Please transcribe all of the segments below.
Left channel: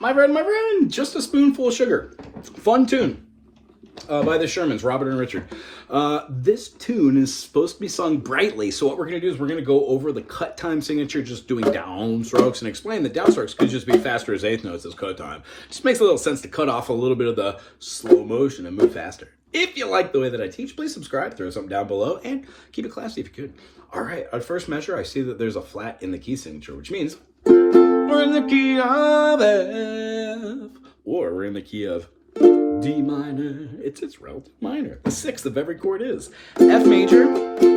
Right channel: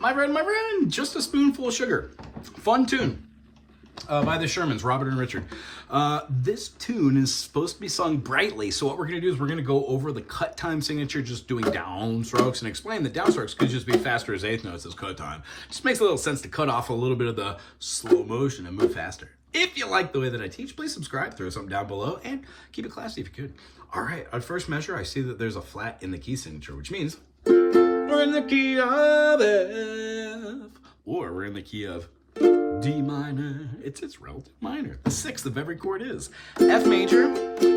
My friend, just a spoonful of sugar. Fun tune by the Shermans, Robert and Richard. This tune is supposed to be sung brightly, so what we're going to do is we're going to go over the cut time signature, just doing downstrokes, and explain that downstrokes could just be faster as eighth notes as cut time. Just makes a little sense to cut off a little bit of the slow motion and move faster. If you like the way that I teach, please subscribe, throw something down below, and keep it classy if you could. All right, our first measure, I see that there's a flat in the key signature, which means we're in the key of F, or we're in the key of D minor. It's relative minor. The sixth of every chord is F major.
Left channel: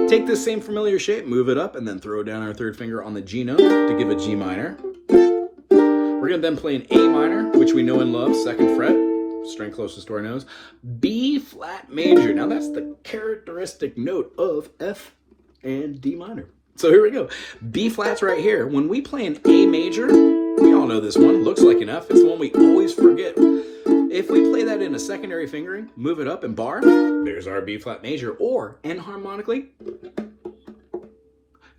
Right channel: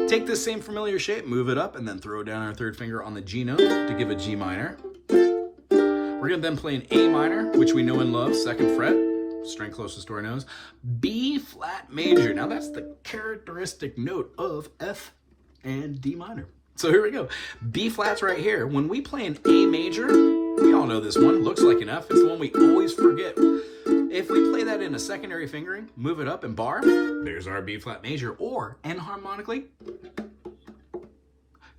Take this same familiar shape, move it up, and then throw down our third finger on the G note to give a G minor. We're gonna then play an A minor, which we know and love, second fret, string closest to our nose. B flat major. Now that's the characteristic note of F and D minor. So here we go. B flat's right here. When we play an A major, we all know this one, looks like an F. It's the one we always forget. If we play that in a secondary fingering, move it up and bar, there's our B flat major, or enharmonically,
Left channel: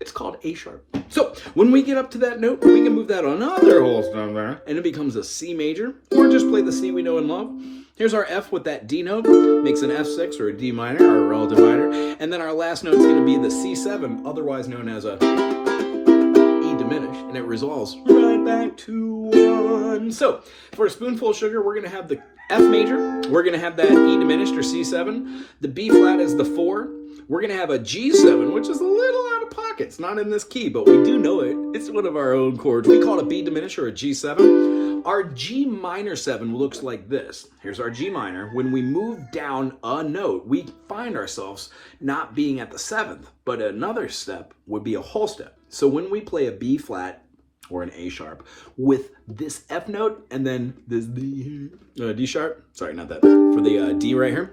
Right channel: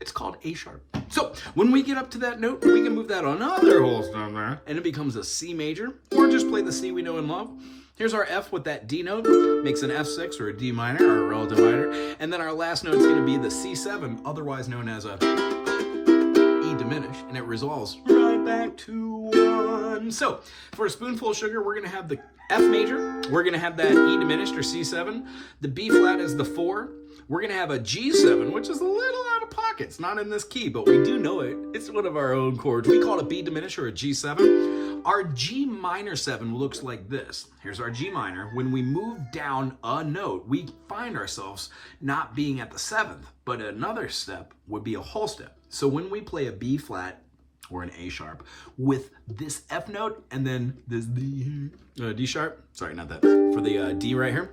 it's called A sharp. So when we get up to that note, we can move that another whole number, and it becomes a C major, or just play the C we know and love. Here's our F with that D note, makes an F6 or a D minor, or a relative minor, and then our last note is going to be the C7, otherwise known as a E diminished, and it resolves right back to 1. So for a spoonful of sugar, we're going to have the F major, we're going to have that E diminished or C7, the B flat is the 4, we're going to have a G7, which is a little out of pocket. It's not in this key, but we do know it. It's one of our own chords. We call it a B diminished or a G7. Our G minor 7 looks like this. Here's our G minor. When we move down a note, we find ourselves not being at the 7th, but another step would be a whole step. So when we play a B flat or an A sharp with this F note and then this D here, D sharp, sorry, not that, for the D right here,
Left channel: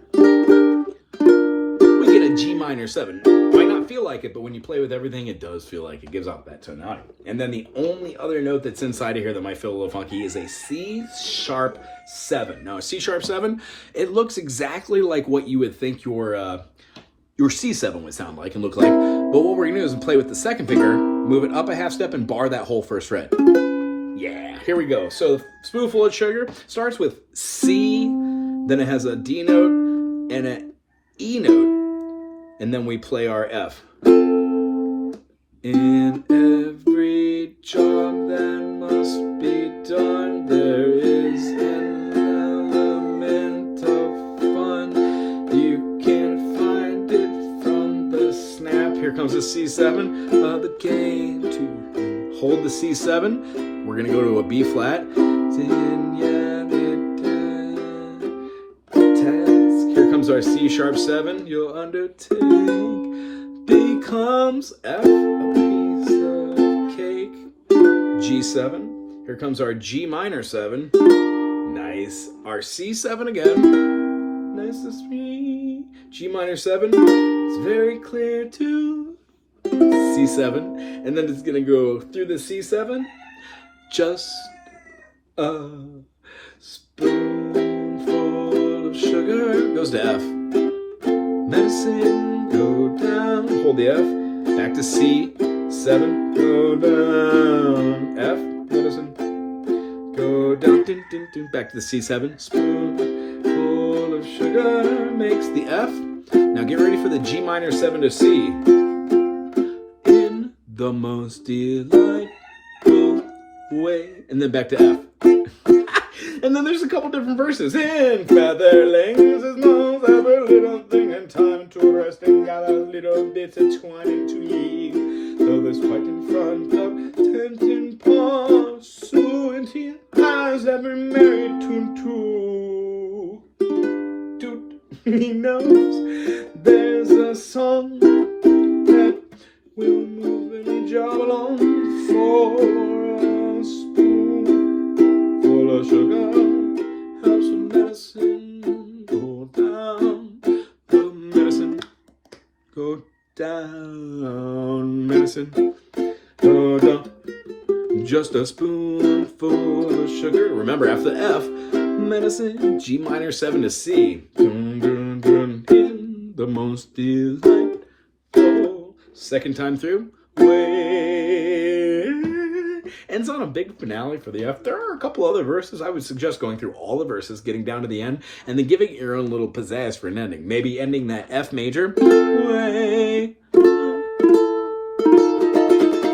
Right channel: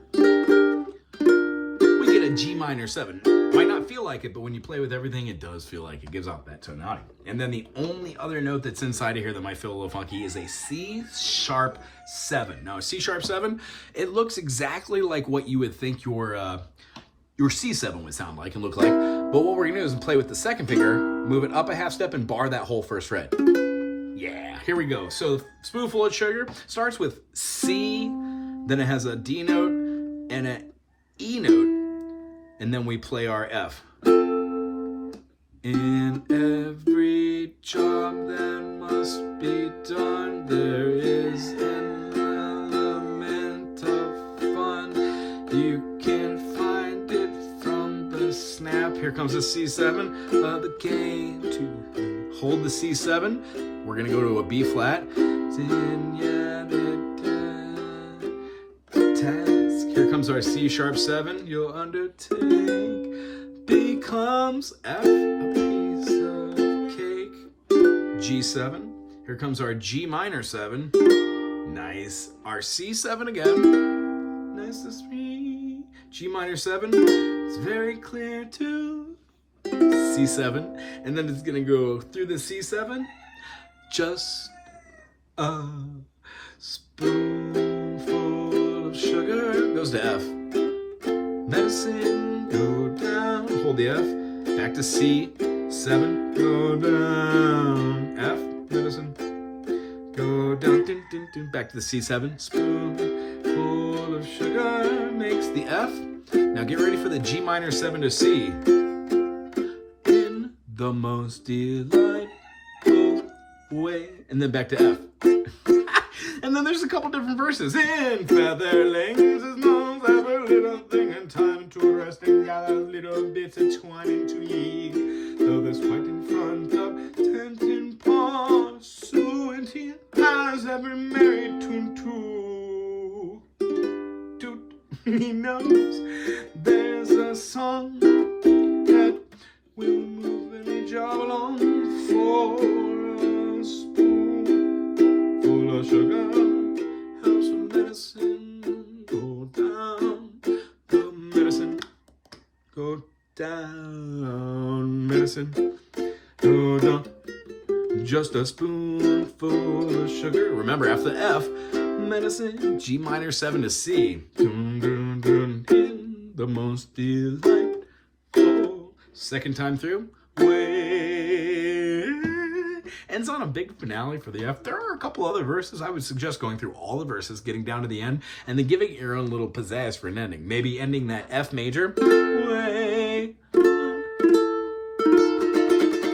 we get a G minor 7. Might not feel like it, but when you play with everything, it does feel like it gives off that tonality. And then the only other note that's inside of here that might feel a little funky is a C sharp 7. Now, a C sharp 7, it looks exactly like what you would think your C7 would sound like and look like. But what we're gonna do is play with the second finger, move it up a half step and bar that whole first fret. Yeah, here we go. So the spoonful of sugar starts with C, then it has a D note and an E note, and then we play our F. In every job that must be done, there is an element of fun. You can find it from the snap. Here comes the C7 of the game. To hold the C7, we're gonna go to a B flat. Here comes our C sharp 7. You'll undertake becomes F, a piece of cake. G7. Here comes our G minor 7. Nice. Our C7 again. Nice to see. G minor 7. It's very clear to C7. And then it's gonna go through the C7. Just a spoonful of sugar goes to F. Medicine, go down, hold the F, back to C7, go down, F, medicine, go down, dun, dun, dun, back to the C7, spoonful of sugar makes the F. Now get ready for the G minor 7 to C. In the most delightful way, and then back to F. And then there's a couple different verses. In featherlings, his nose, every little thing, and time to rest and gather little bits of twine and twig. So there's quite in front of tent and pursuant, he has every merry tune too. Toot, he knows there's a song that will move any job along for a spoon full of sugar. Have some medicine, go down, the medicine, go down, medicine, go down, just a spoonful of sugar. Remember, after F, medicine, G minor 7 to C. Dun, dun, dun, in the most delightful. Second time through, way. ends on a big finale for the F. There are a couple other verses. I would suggest going through all the verses, getting down to the end, and then giving your own little pizzazz for an ending. Maybe ending that F major way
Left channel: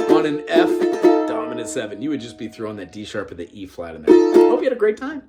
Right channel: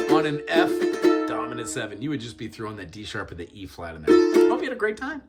on an F dominant 7. You would just be throwing that D sharp or the E flat in there. Hope you had a great time.